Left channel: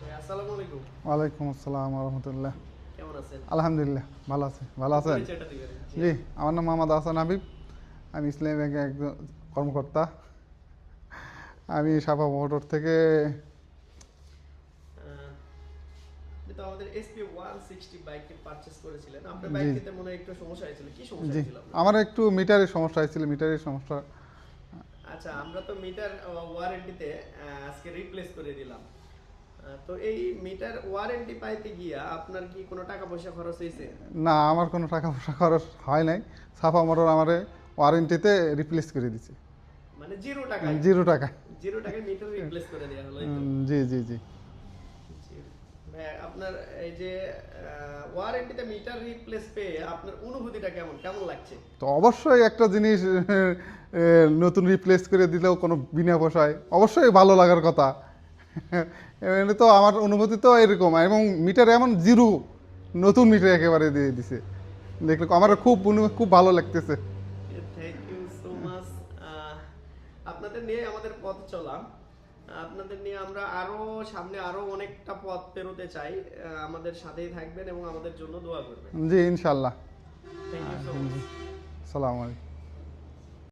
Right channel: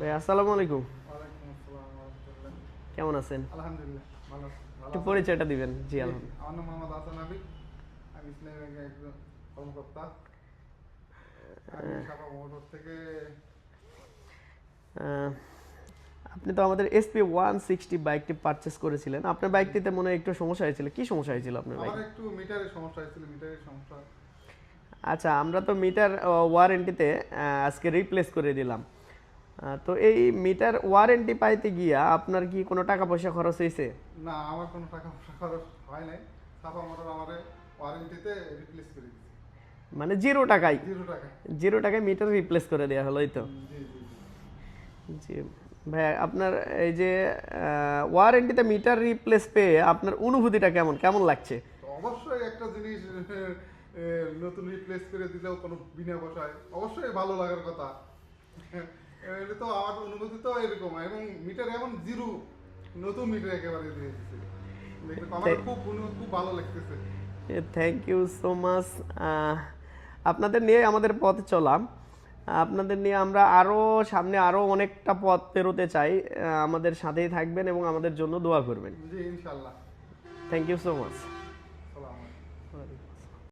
ভাই আসসালামু আলাইকুম। ওয়ালাইকুম আসসালাম ওয়া রাহমাতুল্লাহ। কেমন আছেন? আলহামদুলিল্লাহ ভালো আছি। ভালো একটু আছেন? পরিচয়টা দিবেন। জি জি, আমার নাম মোহাম্মদ আহসান হাবিব। আমি ইসলামী ব্যাংকের একজন কর্মকর্তা। আমি সাফা মোটর থেকে আহ, আপনি তো আমাদের এসপি 160 বাইকটি পারচেজ করেছিলেন। আপনার জি বাইকটিতে মনে হয় একটু সমস্যা হয়েছিল। কি সমস্যা জি হয়েছিল আপনার আমার বাইকে? একটু মিটারের সমস্যা হয়েছিল, মিটারের সমস্যা। আচ্ছা, আমরা তো মিটার ওয়ারেন্টিতে আজকে রিপ্লেস করে দিলাম। তো এই মিটার ওয়ারেন্টি পাইতে গিয়া আপনার কি কোনো টাকা পয়সা খরচ হয়েছে? না, আমার কোনো টাকা পয়সা খরচ হয় নাই। সাফা মোটর আমারে ওয়ারেন্টিতে রিপ্লেস করে দিছে মানে জিরো টাকায়? 0 টাকা। জিরো টাকায় মিটার রিপ্লেস করে দেওয়া হলো, এই তো? জি জি জি। জি ভাই, আপনার এই যে ওয়ারেন্টিতে মিটার রিপ্লেস পেয়ে আপনার অনুভূতিটা কেমন কেমন লাগছে? তো অবশ্যই একটা জিনিস নতুন রিপ্লেস করে দিলেও কোনো বিনা পয়সায় অবশ্যই ভালো লাগার কথা। এমনি তো আমার অনুভূতি তো এরকম, এবং মিটার এমন জিরো, নতুন মিটার একেবারে দিয়ে দিছে। দেখলে আমার খুব ভালো লাগতেছে। Thank you so much. আপনাদের নিয়ে আমাদের পথে চলাম। আপনাদের নিয়ে আমরা আরো সামনে আরো অনেকটা পথ পেরোতে চাই। আমাদের সাথেই থাকবেন এবং আমাদের জন্য দোয়া করবেন। জি ইনশাল্লাহ। Thank you so much. সালাম আলাইকুম।